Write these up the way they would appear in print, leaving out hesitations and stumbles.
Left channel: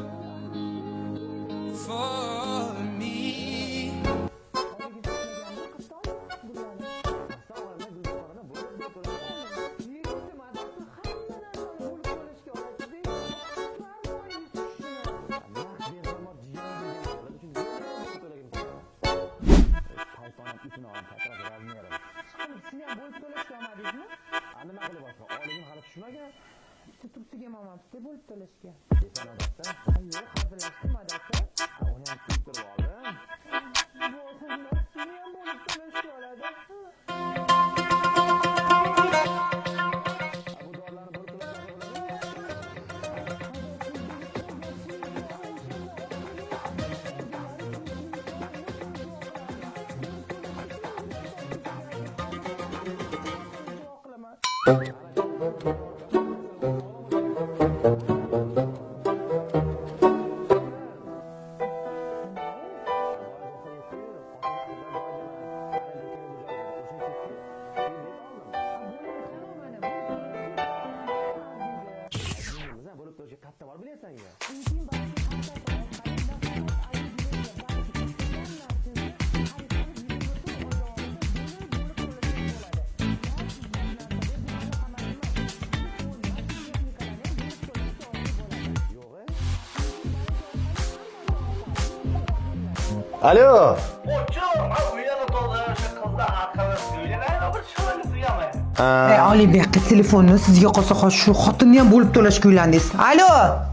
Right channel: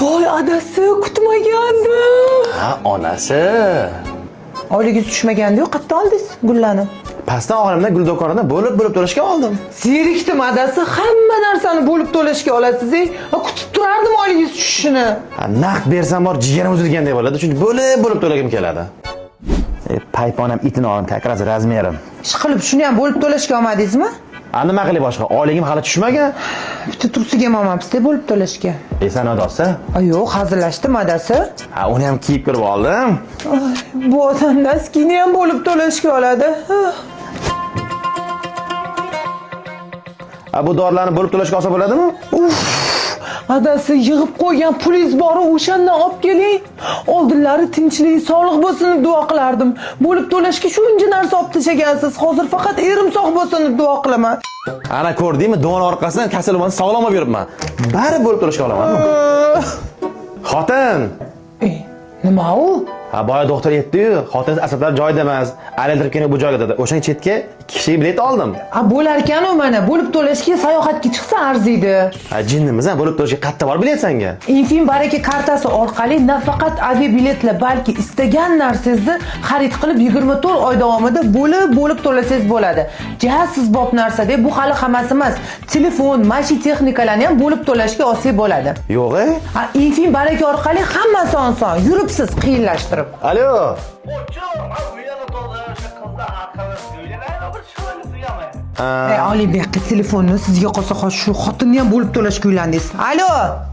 Voy adasi kutmagandim. Ha, onasi. Oyligingiz tushmagandi-yu, qayerdan oldingiz gullarni? Pastdan olimda gul do'konidan bo'lib to'lashga oldim. Zerikdim adasi, hamma narsani bo'lib to'lashga olasiz-ey. Kutib turardim oyligingiz tushishini. Ha, naqd bersam bor jigarim uzilgandek bo'ladi, chunki bo'lib to'lagim keladi. Payponam itini oldim, takror razmerim. Ish qilib shuni ham bo'lib to'lashga olmadingizmi? Nima qilay boshqa? Oyligim hali tushmagan. Bitta tursiga olmabsiz-da bo'lib to'lashga. Sanodosa? Yo'q, hazillashdim adasi. Ha, uni ham kiyib kirib oldim. Bu odamdan skini ham bo'lib to'lashga oladi. Bu dorilarni bo'lib to'lashga olsa bo'ladimi? Adasi yig'ib qo'ygan pulingiz bor-ku, o'shandan olib keling. Oldinlari tinchlik, sog'lik bo'lsin deb duo qilardim. Bo'lib to'lashga shuncha narsa olib tashagansiz. Hozir faqat erim sog' bo'lsin deb duo qilaman. Ana ko'rdingmi, duoning orqasidan kasalman, sog'lom bo'lib yuribman. Bari bo'lib to'lashga olaman. Xotin. Nima u? Ha, boya doktor yetdi-yu, xotinning asablari joyida emas. Aylantirib kelib bu joyga dedi. O'shaning chetga 2 kishilik bilet oldim. Bo'lar ekan-ku mana, bo'lib to'lashga sayohatga chiqsa arziydi. Ha, jinnimiz-a, bo'lib to'lashga qayerda bor bilet senga? Infin baraka kartasi orqali nafaqat aviabiletlar, balki istagan narsangizni xarid qilib 24 oy davomida bo'lib to'lasangiz bo'ladi. Jihazsiz bob narsa-da, bu hali hammasi emas. Telefon, mashina texnikalarni ham bo'lib to'lashga olsangiz bo'ladi. Yo'q-e? Infin baraka orqali hammasi oson. Yuribsiz qiyinlashtirib. Alo. Oling bu yoqqa telefonni, sizga qolsa shu xotinni ham bo'lib to'lashga uylandingiz. Alo.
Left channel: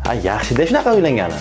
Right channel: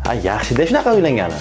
Ha, yaxshi-da shunaqa uylangani.